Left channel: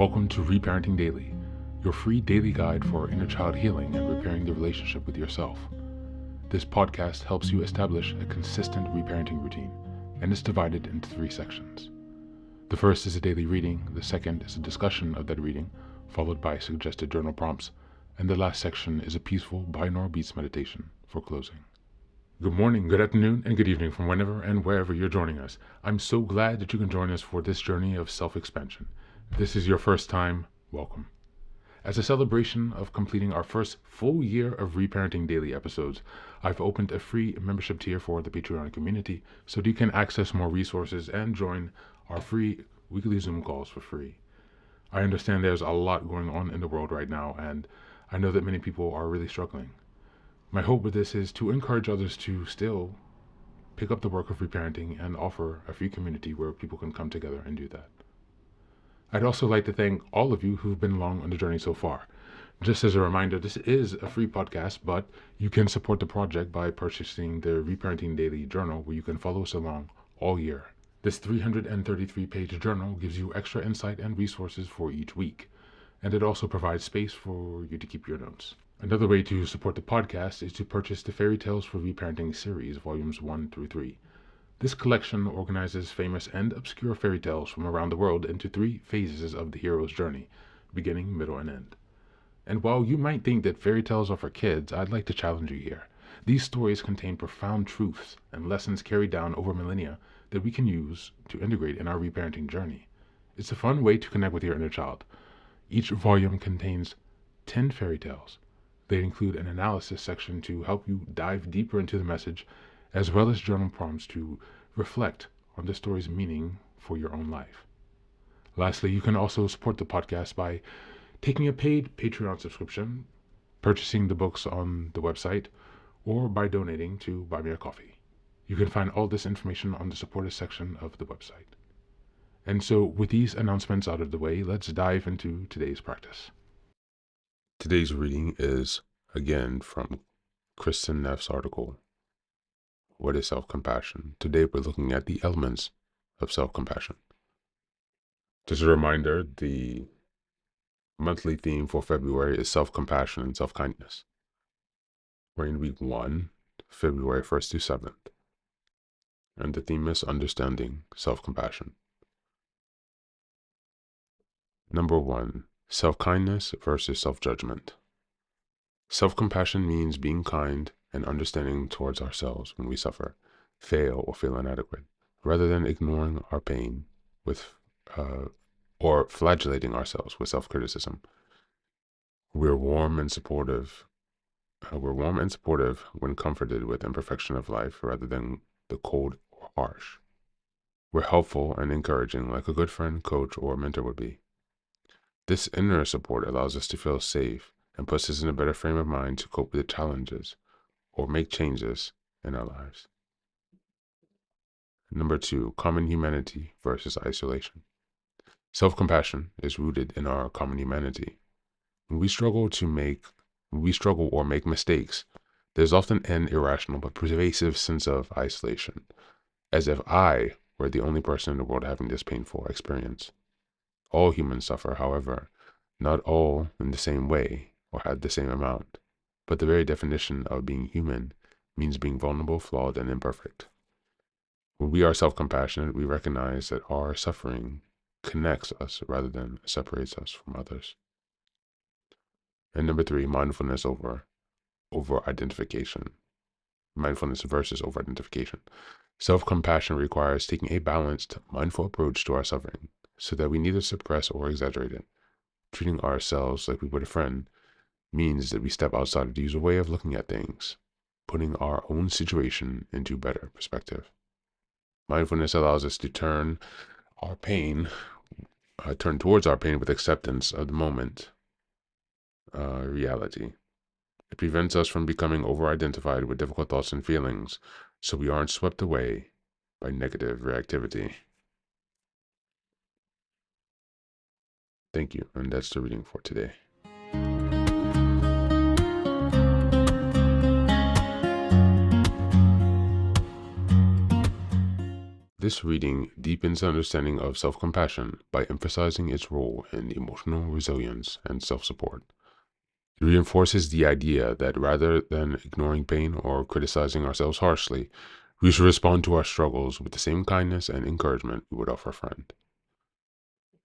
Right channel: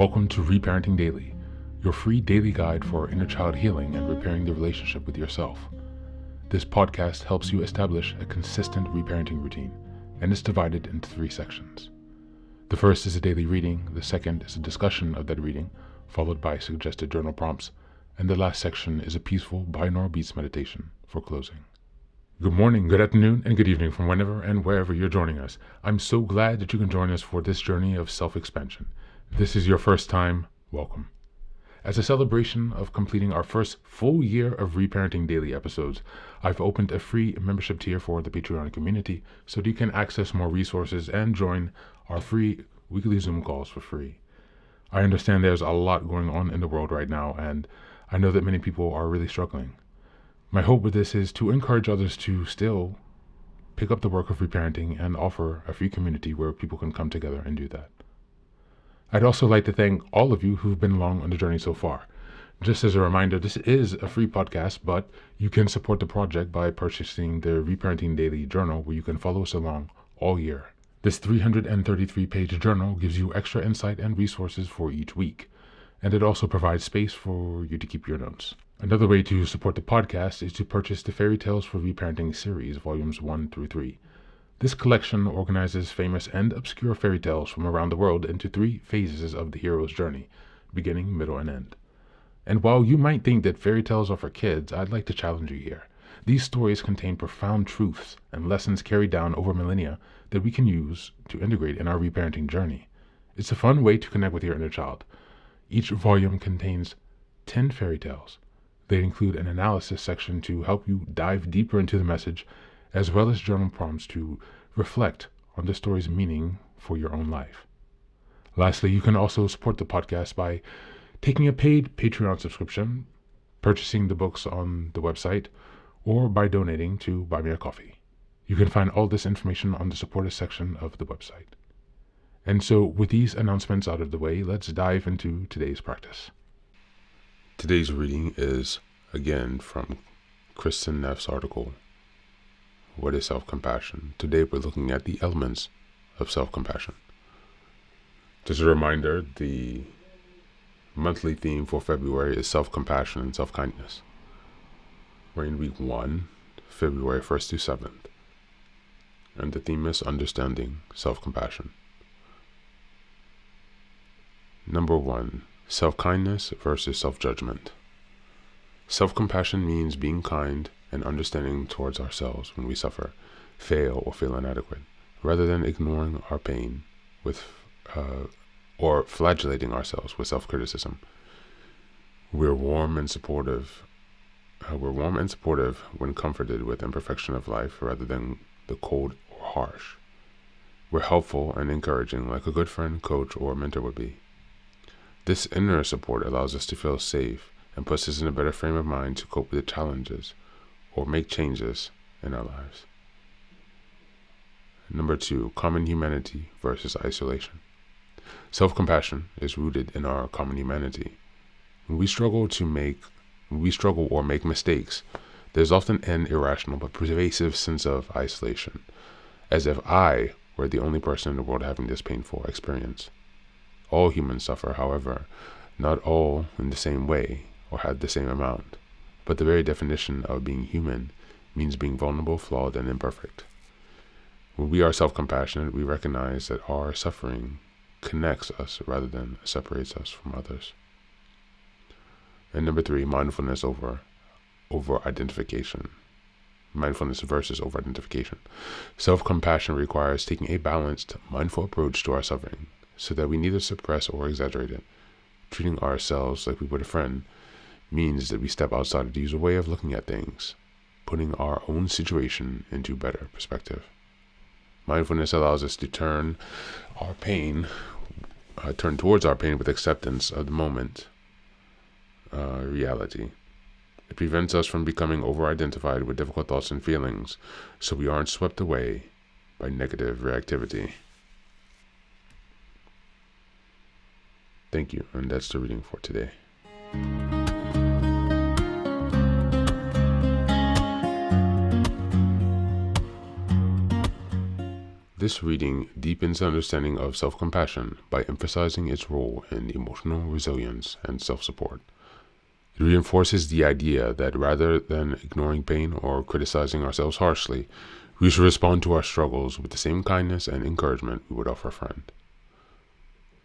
Welcome to Reparenting Daily, your free daily guide for inner child healing and repairing the relationship with yourself. This podcast helps you establish a consistent reparenting routine and is divided into 3 sections. The first is a daily reading, the second is a discussion of that reading, followed by suggested journal prompts, and the last section is a peaceful binaural beats meditation for closing. Good morning, good afternoon, and good evening from whenever and wherever you're joining us. I'm so glad that you can join us for this journey of self-expansion. If this is your first time, welcome. As a celebration of completing our first full year of Reparenting Daily episodes, I've opened a free membership tier for the Patreon community so that you can access more resources and join our free weekly Zoom calls for free. I understand there's a lot going on in the world right now, and I know that many people are really struggling. My hope with this is to encourage others to still pick up the work of reparenting and offer a free community where people can come together and do that. I'd also like to thank all of you who've been along on the journey so far. Just as a reminder, this is a free podcast, but you can support the project by purchasing the Reparenting Daily journal, where you can follow us along all year. This 333-page journal gives you extra insight and resources for each week, and it also provides space for you to keep your notes. Another way to support the podcast is to purchase the Fairy Tales for Reparenting series, volumes 1 through 3. This collection organizes famous and obscure fairy tales from around the world into 3 phases of the hero's journey, beginning, middle, and end. And while you might think that fairy tales are for kids, I'd like to challenge you here. These stories contain profound truths and lessons carried down over millennia that we can use to integrate in our reparenting journey. It's a fun way to connect with your inner child. Each volume contains 10 fairy tales. They include an analysis section to help you dive deeper into the message, as well as journal prompts to reflect on the story's meaning for your own life. Lastly, you can also support the podcast by taking a paid Patreon subscription, purchasing the books on the website, or by donating to Buy Me a Coffee. You can find all this information on the supporters section of the website. And so, with these announcements out of the way, let's dive into today's practice. Today's reading is, again, from Kristen Neff's article, What is Self-Compassion? Today we're looking at the elements of self-compassion. Just a reminder, the monthly theme for February is self-compassion and self-kindness. We're in week 1, February 1st through 7th. And the theme is understanding self-compassion. Number 1, self-kindness versus self-judgment. Self-compassion means being kind and understanding towards ourselves when we suffer, fail, or feel inadequate, rather than ignoring our pain with or flagellating ourselves with self-criticism. We're warm and supportive when comforted with imperfection of life rather than the cold or harsh. We're helpful and encouraging like a good friend, coach, or mentor would be. This inner support allows us to feel safe and puts us in a better frame of mind to cope with the challenges or make changes in our lives. Number 2, common humanity versus isolation. Self-compassion is rooted in our common humanity. When we struggle or make mistakes, there's often an irrational but pervasive sense of isolation, as if I were the only person in the world having this painful experience. All humans suffer, however, not all in the same way or have the same amount, but the very definition of being human means being vulnerable, flawed, and imperfect. When we are self-compassionate, we recognize that our suffering connects us rather than separates us from others. And number 3, mindfulness over identification. Mindfulness versus over-identification. Self-compassion requires taking a balanced, mindful approach to our suffering so that we neither suppress or exaggerate it. Treating ourselves like we would a friend means that we step outside of the usual way of looking at things, putting our own situation into better perspective. Mindfulness allows us to turn towards our pain with acceptance of the moment reality. It prevents us from becoming over-identified with difficult thoughts and feelings, so we aren't swept away by negative reactivity. Thank you, and that's the reading for today. This reading deepens understanding of self-compassion by emphasizing its role in emotional resilience and self-support. It reinforces the idea that rather than ignoring pain or criticizing ourselves harshly, we should respond to our struggles with the same kindness and encouragement we would offer a friend.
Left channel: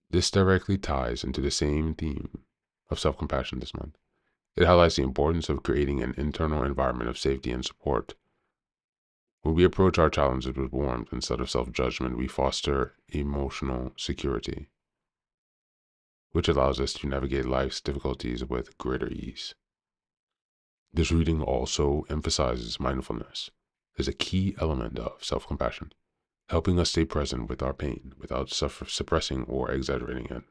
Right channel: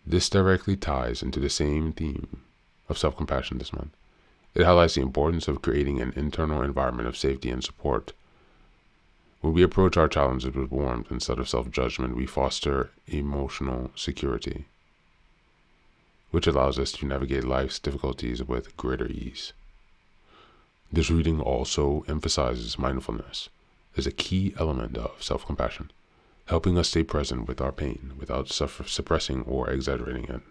This directly ties into the same theme of self-compassion this month. It highlights the importance of creating an internal environment of safety and support. When we approach our challenges with warmth instead of self-judgment, we foster emotional security, which allows us to navigate life's difficulties with greater ease. This reading also emphasizes mindfulness as a key element of self-compassion, helping us stay present with our pain without suppressing or exaggerating it.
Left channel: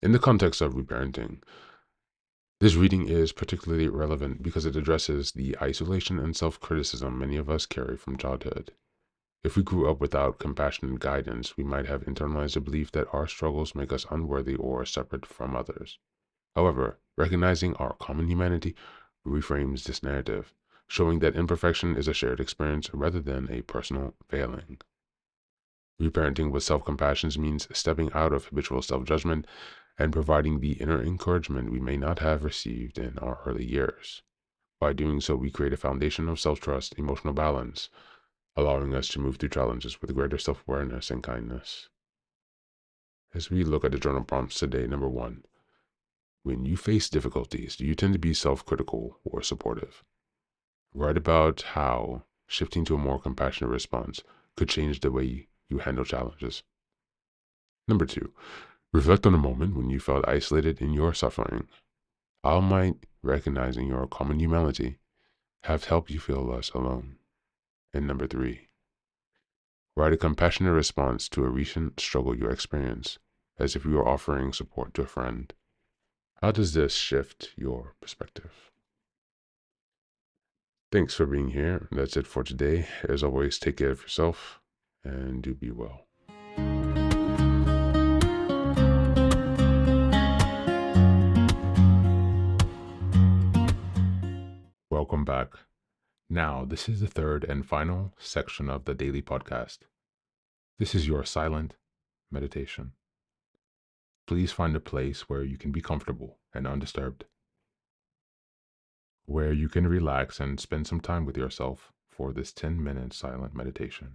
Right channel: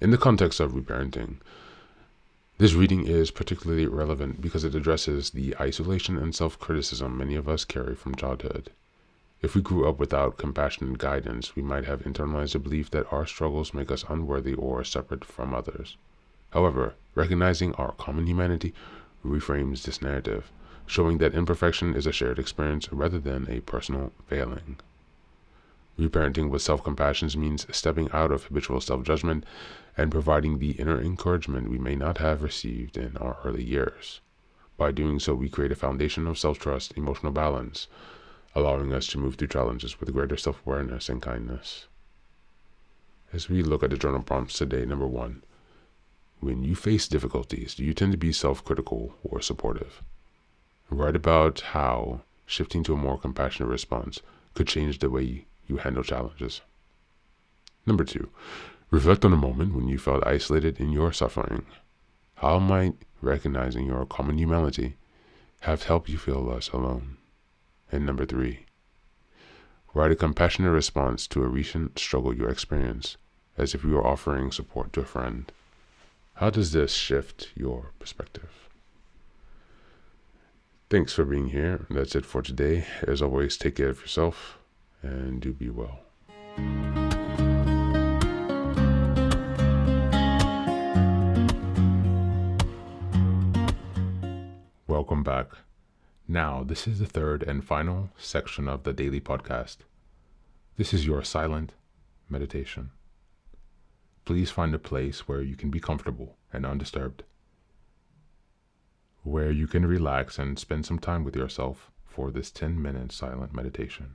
In the context of reparenting, this reading is particularly relevant because it addresses the isolation and self-criticism many of us carry from childhood. If we grew up without compassionate guidance, we might have internalized the belief that our struggles make us unworthy or separate from others. However, recognizing our common humanity reframes this narrative, showing that imperfection is a shared experience rather than a personal failing. Reparenting with self-compassion means stepping out of habitual self-judgment and providing the inner encouragement we may not have received in our early years. By doing so, we create a foundation of self-trust, emotional balance, allowing us to move through challenges with greater self-awareness and kindness. As we look at the journal prompts today, number 1, when you face difficulties, do you tend to be self-critical or supportive? Write about how shifting to a more compassionate response could change the way you handle challenges. Number 2, reflect on a moment when you felt isolated in your suffering. How might recognizing your common humanity have helped you feel less alone? And number 3, write a compassionate response to a recent struggle you experienced, as if you were offering support to a friend. How does this shift your perspective? Thanks for being here. That's it for today. As always, take care of yourself and do be well. Welcome back. Now, this is the third and final section of the daily podcast. This is your silent meditation. Please find a place where you can be comfortable and undisturbed, where you can relax and spend some time with yourself for this 10-minute silent meditation.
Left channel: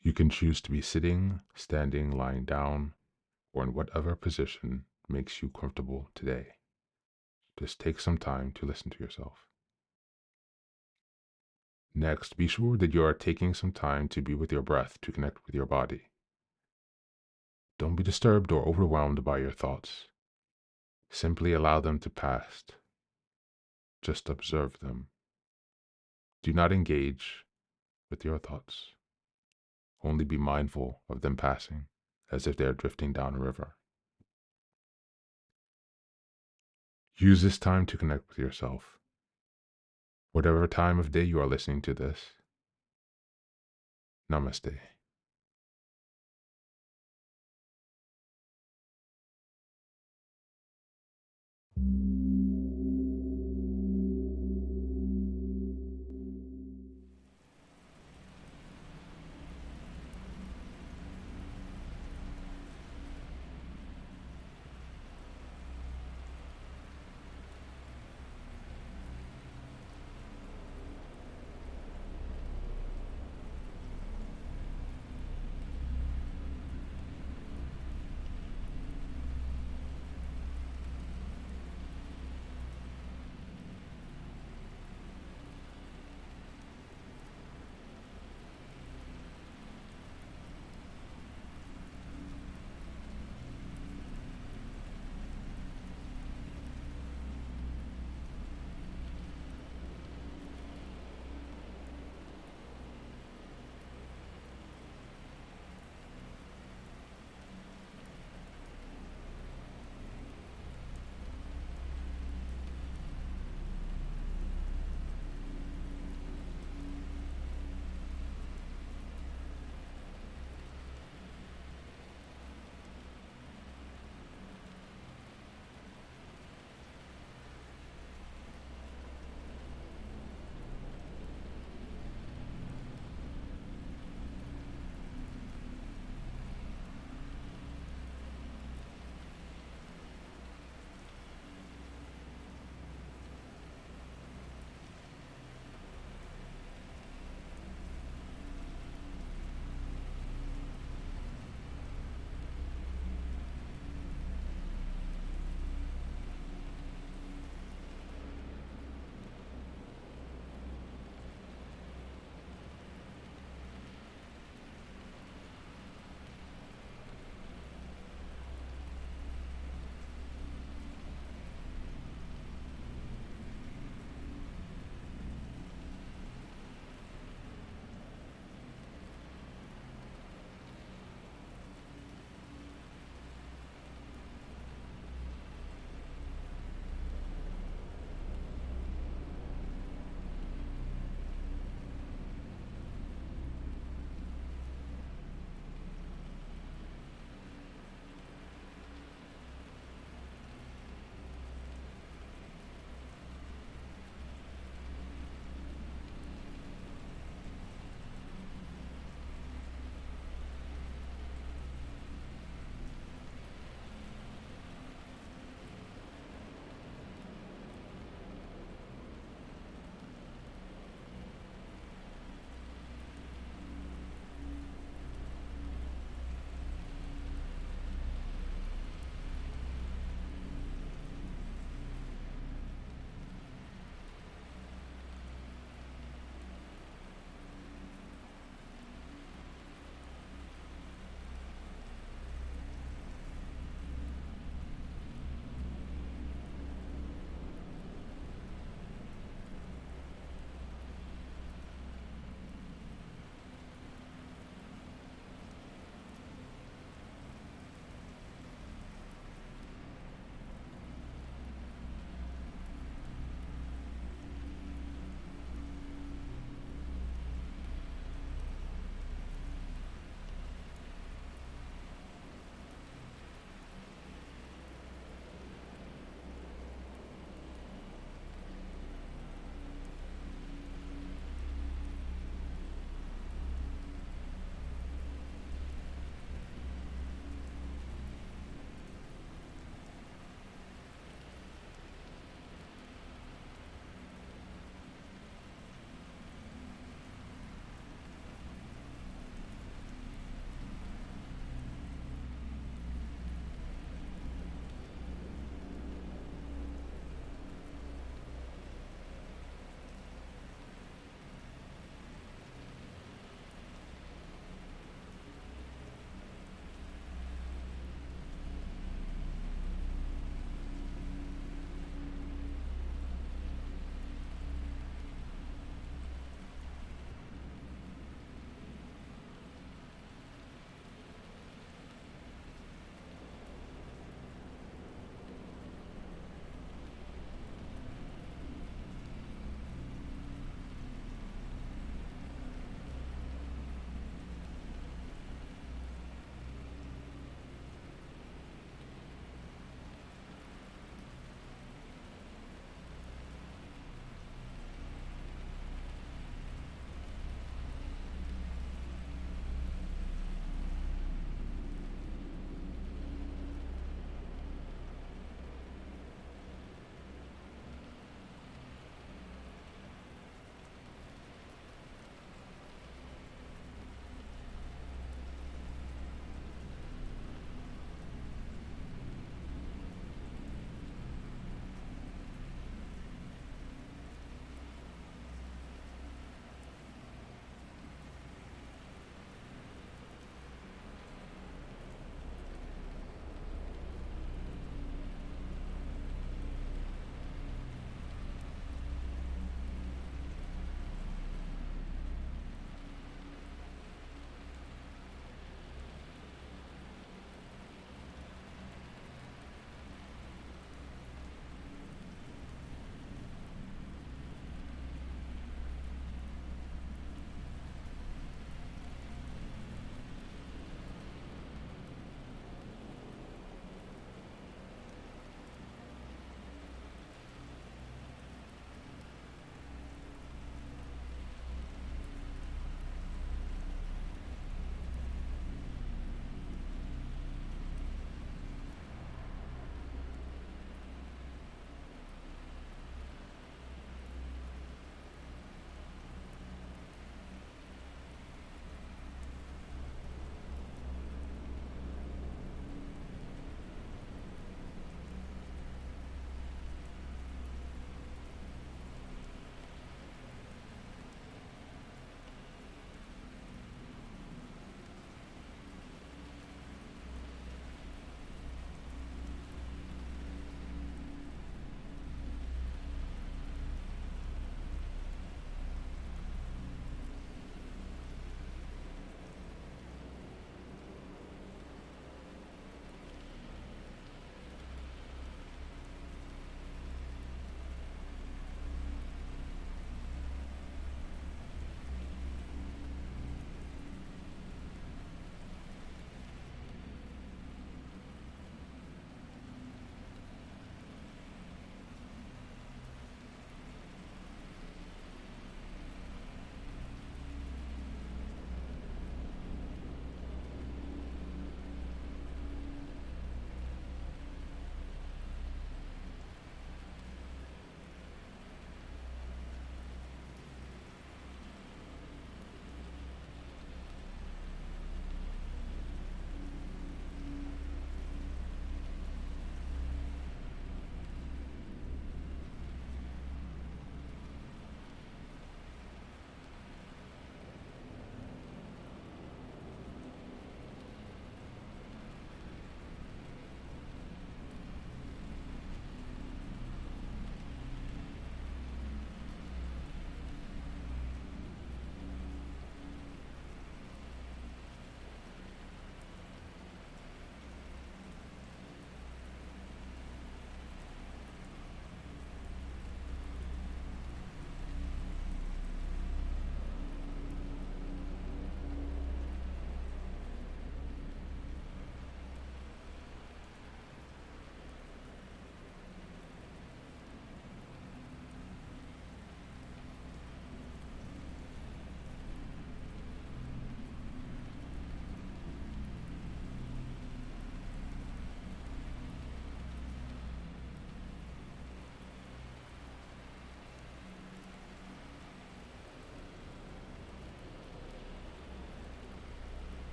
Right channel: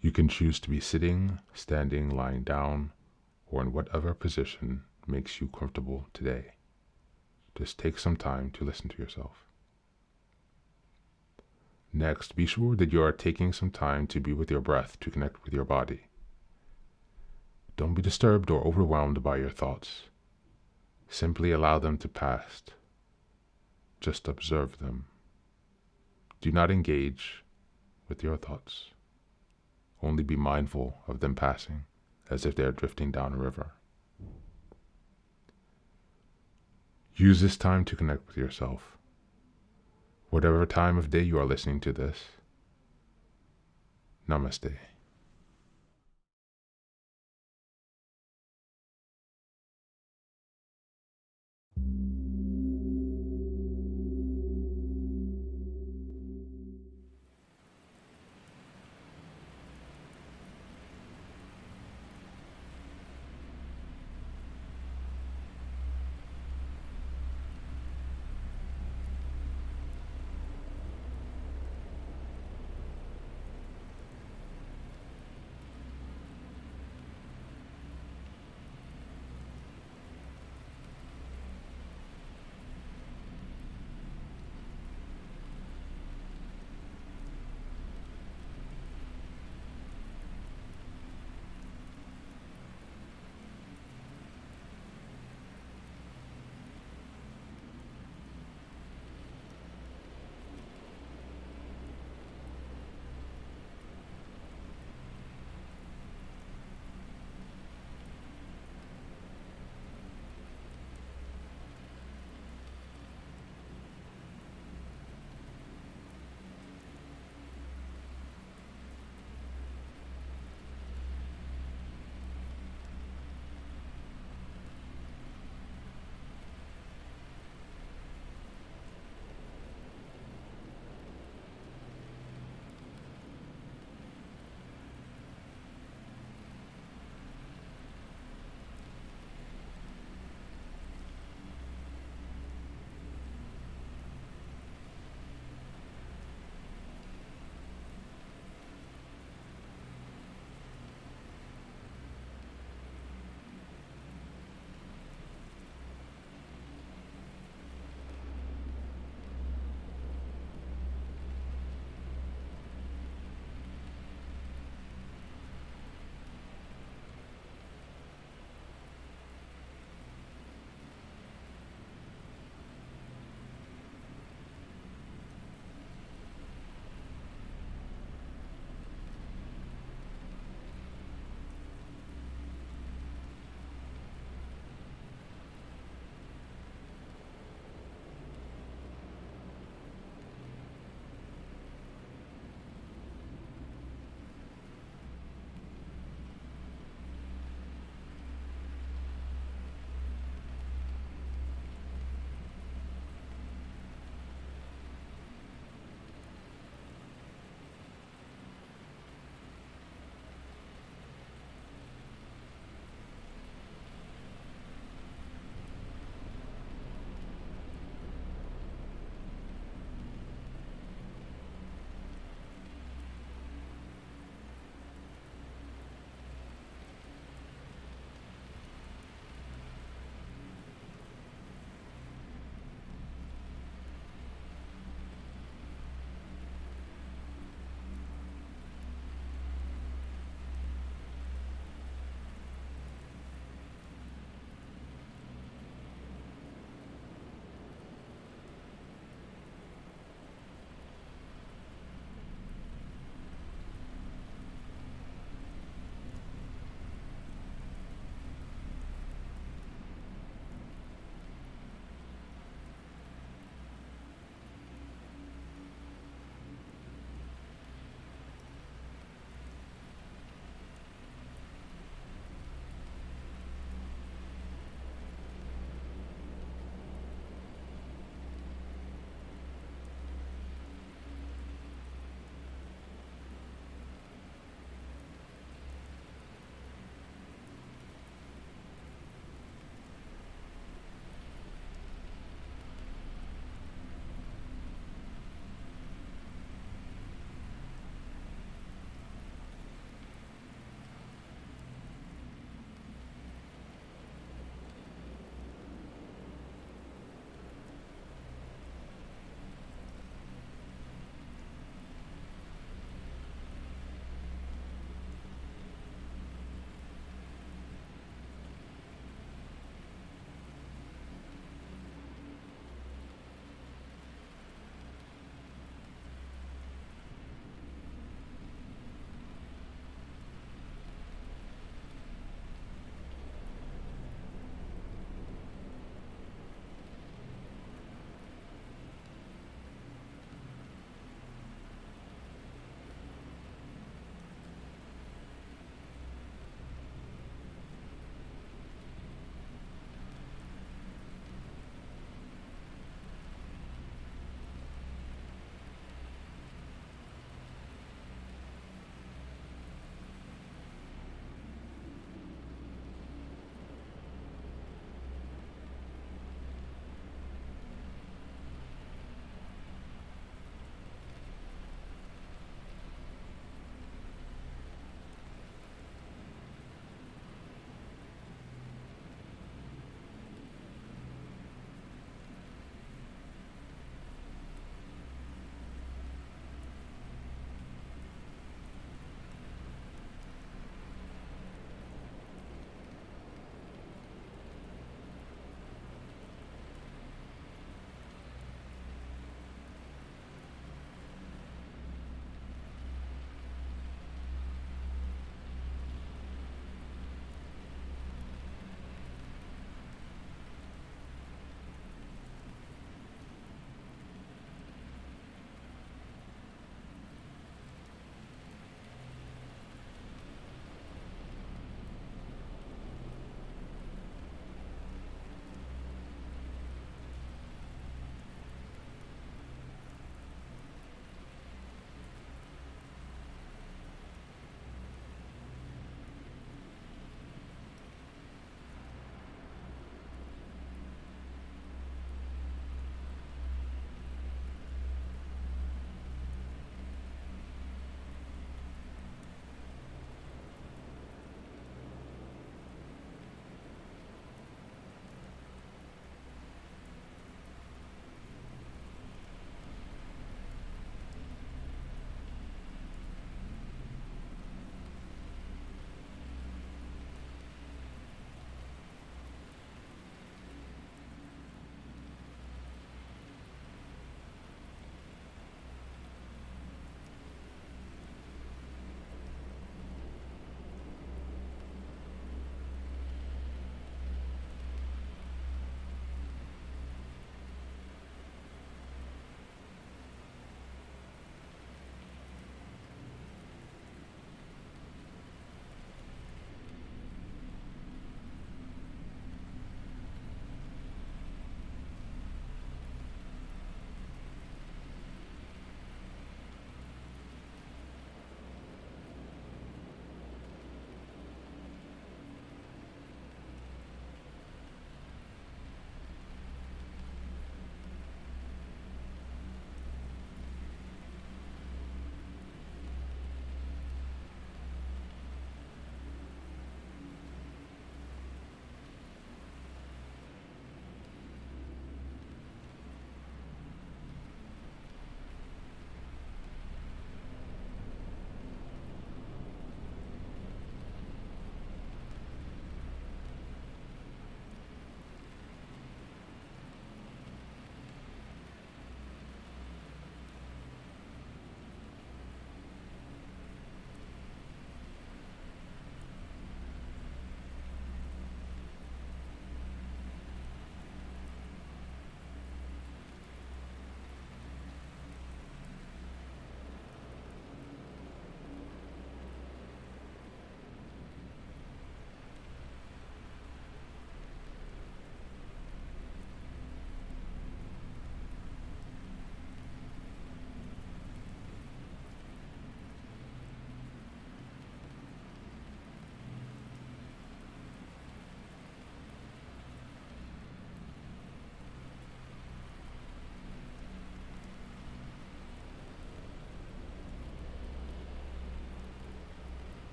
You can choose to be sitting, standing, lying down, or in whatever position makes you comfortable today. Just take some time to listen to yourself. Next, be sure that you are taking some time to be with your breath to connect with your body. Don't be disturbed or overwhelmed by your thoughts. Simply allow them to pass. Just observe them. Do not engage with your thoughts. Only be mindful of them passing, as if they are drifting down a river. Use this time to connect with yourself. Whatever time of day you are listening to this, Namaste.